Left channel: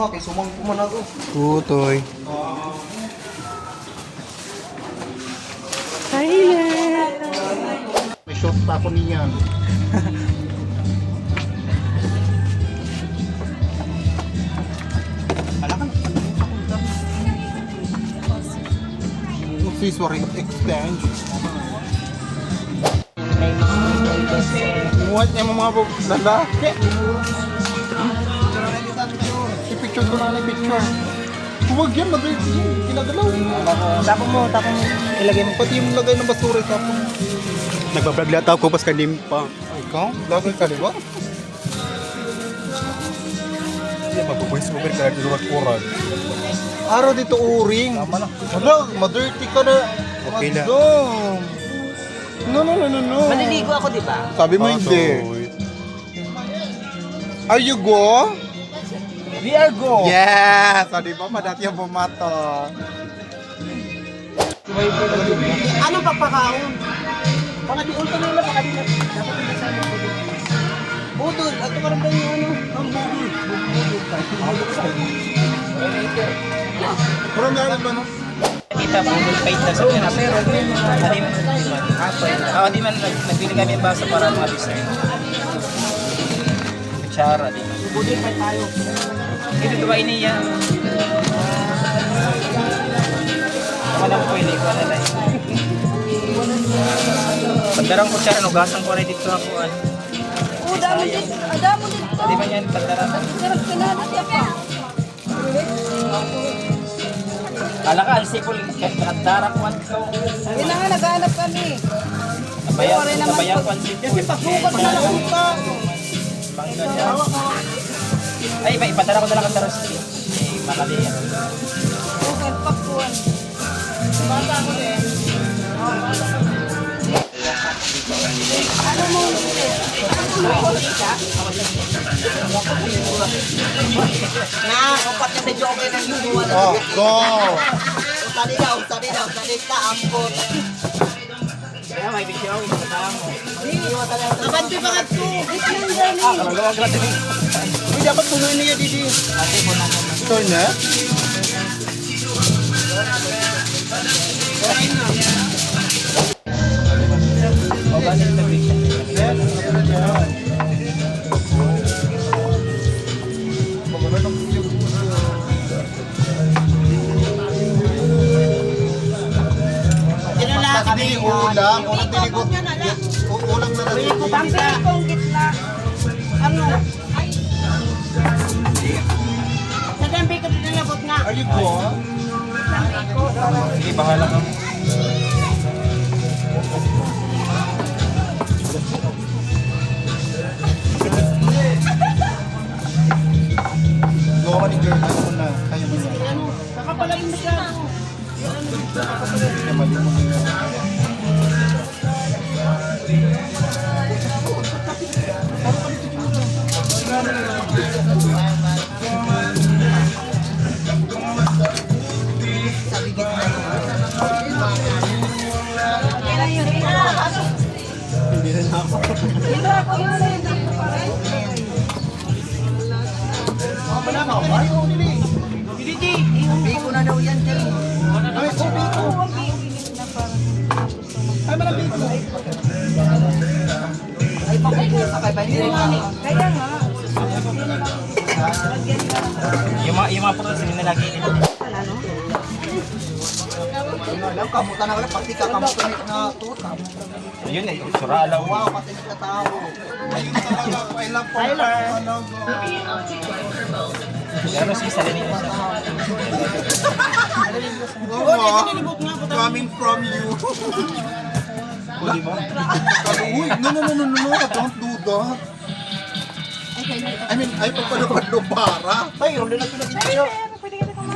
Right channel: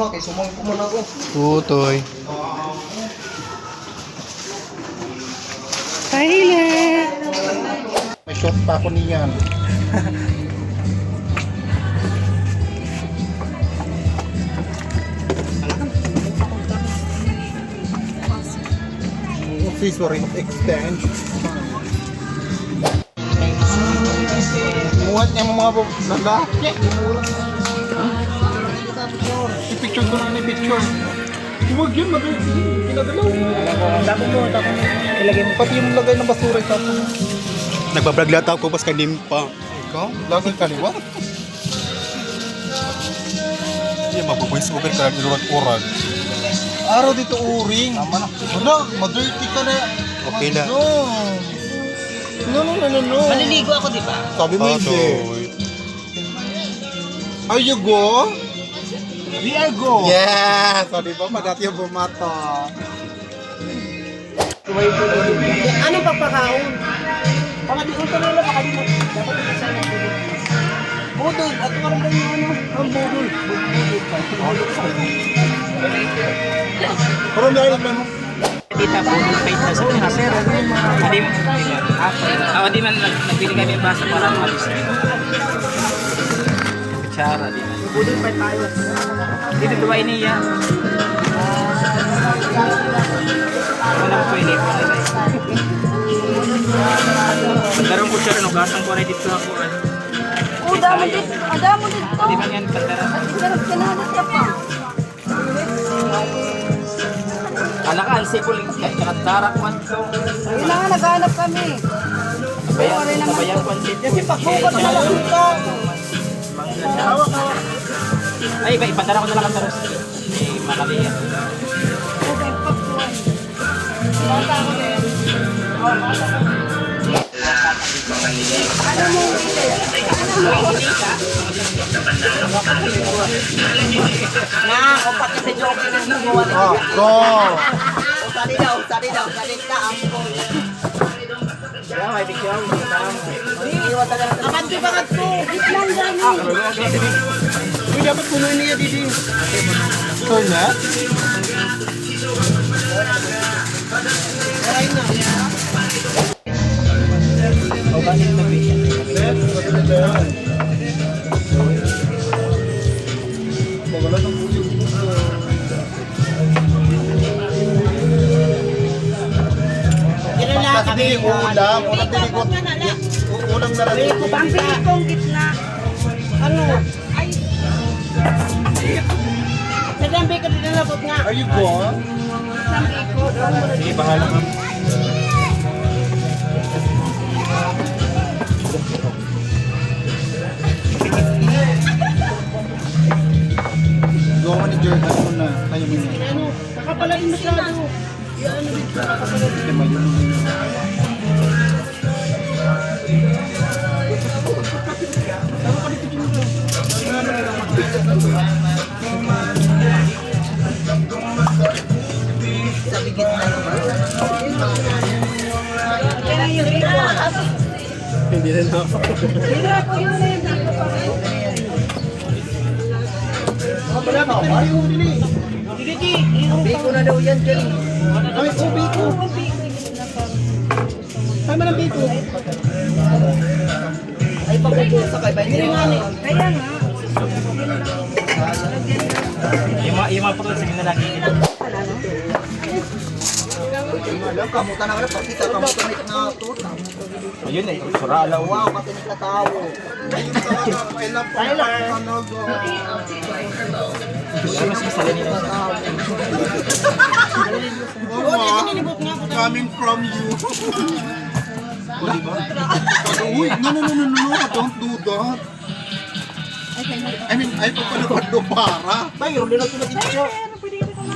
ba? Kay sumangin ko man ako. Tutoy. Thailand! May shot pa ako niyan. Accessory exchange. Muhat niya mga lalaki. I-picture ko na picture. Huwag yan, kinagalaw. Tapos mo, ilagay mo. Pati yung lagay ng basura, tapos. Nagbablog lahat ako pas kanim pa. Ikaw? Lagi kaliwa? Iya, mabubuhay sa mga kaya urag-urag. Araw dito uring. Tama na. Wala, ma-dirty ka na. Okay na. No. Maliligo ako, di ba? Sabi mo hindi. Are you go? We are go. Yes! So, di ba? Madati yung bumata. Ano papakaon? Pakadiul ka nila, pakadiul. Dapat ito sa budol. Budol, at karoon tayo yung ano? Ang budol. Budol pa. Parang dahil ba no? Tita, budol pa ito sa Pinas. Di man nagbili kami ng basa para malis na ito. Kutsara, di man. Budol pa tayo. Hindi ko ba iniya? Alam ko ini. Bandarang kutsara, no? Gasang ko rin dito ako. Oh, damo dito. Damo dito. Di ba yan, bandarang? Pinanot ka pa. Kala ka, isipol, darak man. Kailangan naghanap kami. Kabayan ko ang sipol. Kasi pagbukas na lang ito. Ay, ipadala ko na lang ang taros. Malaki yan. Okay, pagbukas. Bata ako din. Ano mo? Upat na sa joke ng buwan. Oh, go! Usali daw, ampon. Kaya may bigyaw, iiwa talaga. Nakanti ba ka ito? Gitnang gani. Dapat punan niya dito. Turn na? Kami ulam, ulam na rin. Pampili kong gitna. Ano? Naglambi ka din na nga. Are you go? Sige, pangalan. Go ka ni Jordan na. Tayo mo na. Ano, nakapalain masyado. Ano dito, Hindi na ako. wala ba? Biko na daw yan, Jerry. Ay, so biko. Ay, man ang biko. Ay, pabubuo sa kay Bayan. Kaya nga. Yung mga prutas, hindi na lang ito. Kamuta na ka rin. Pagkita, kamuta na tuta. Ayun eh, surala. Wow, pati nakatawo. Ayun talaga. I love for Alam mo sige sa lanito. Coming from you. Uy, no, don't do that. I mean, ay pagpalupad do para. Tayo, hindi na ito na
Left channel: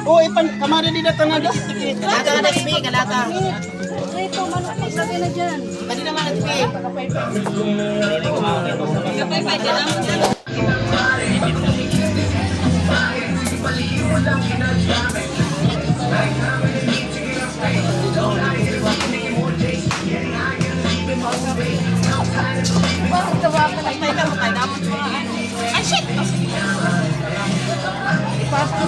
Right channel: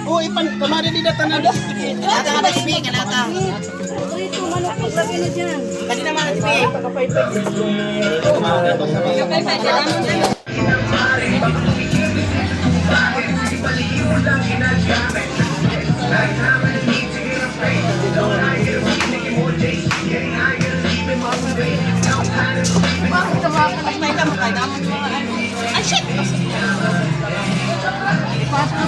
Oh, ipan, kamari nila ka na. Kalata nga na si Pi, kalata. Rito, manok ko sabi na dyan. Kanina mga si Pi. Bakit tawagan na Ay, shit! ipasok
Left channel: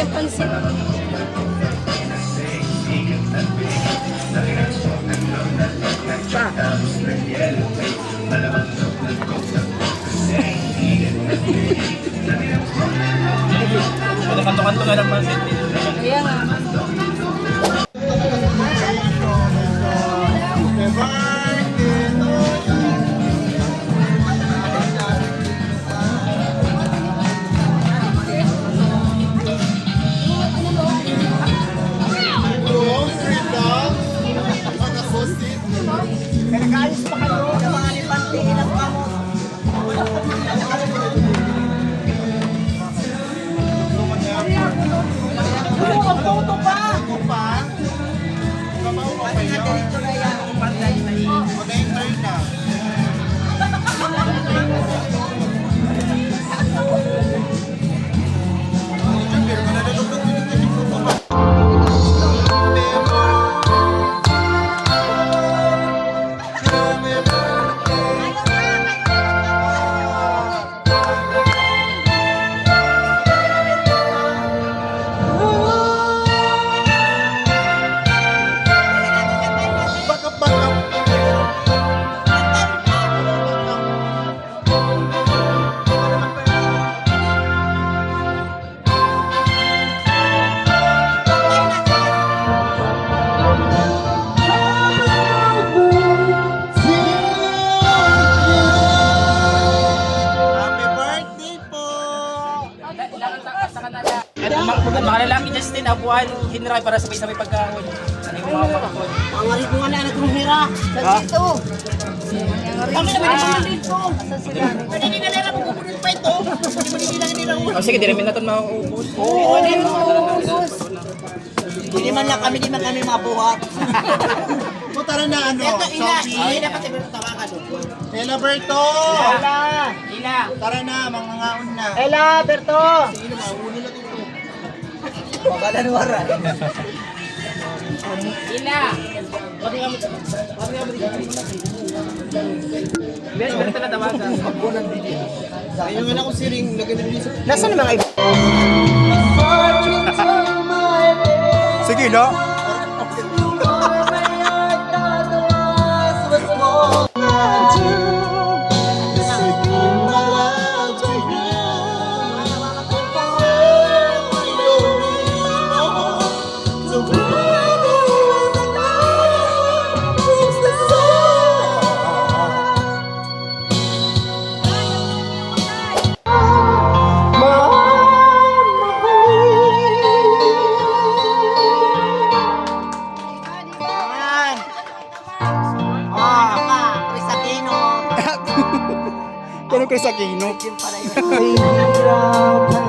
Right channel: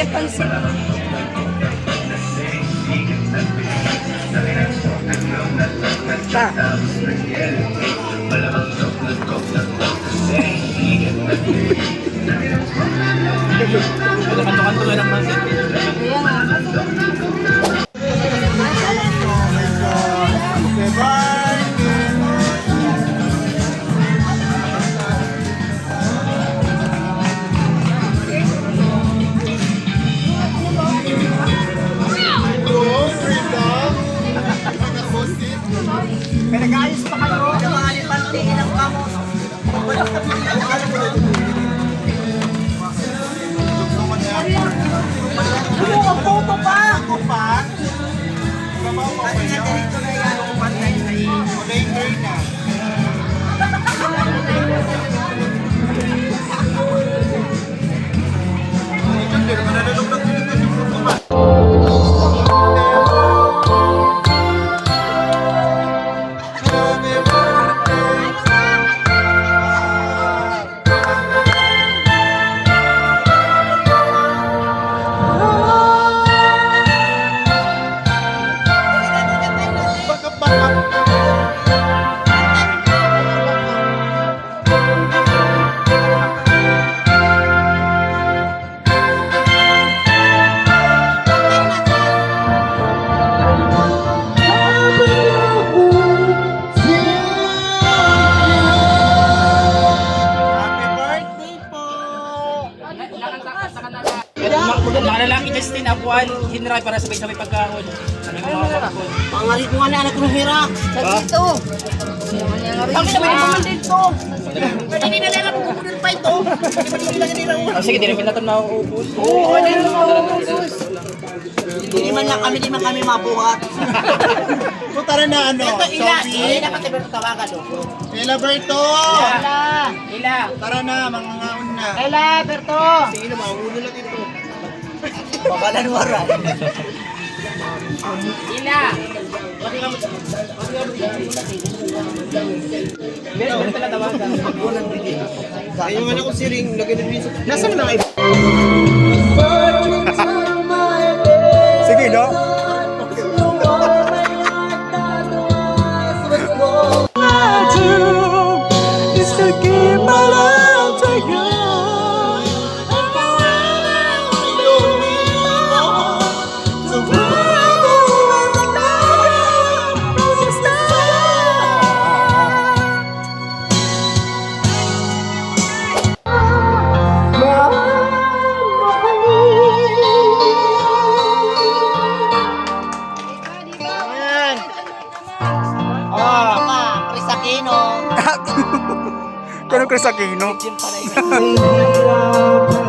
Yan pansit. Pinag-ayos pa kayo. Yung mga alipantingin ng kamot. Wala ka photo pa! Ako pa? Kasi nga dito na yan. Umatay na yun. Kulay na. Happy birthday po! Mga lalaki Justin, abuan, hinray para sabay-sabay pagkaon. Ano yung mga kapon? Pangalit mo nga na anak ng hira. Sa dito. Kami naman yung pamandin ko. Pwede nila nila pupunin pa ito. Hindi ba nila nila Oh, sige, di rin natin mauubos. Oo, ano yung maubos? Hindi man lang kami, di man kami mabuhat. So tara na ano, Ito, ina. Sophie. Ina, pati ba tawagan doon? Ela Berto. Ila. Tara na, mga ngaon na. Ela, Berto. Sige na, mauulo na dito. Babalan wara. Ila! Best friend pala tawagan. Ayun man ako si Ring, lagyan na rin sa... Nasaan na kayo? Sige na. Yan. Oh, Chris Aquino. Kano Chris Aquino? Yun pala yun.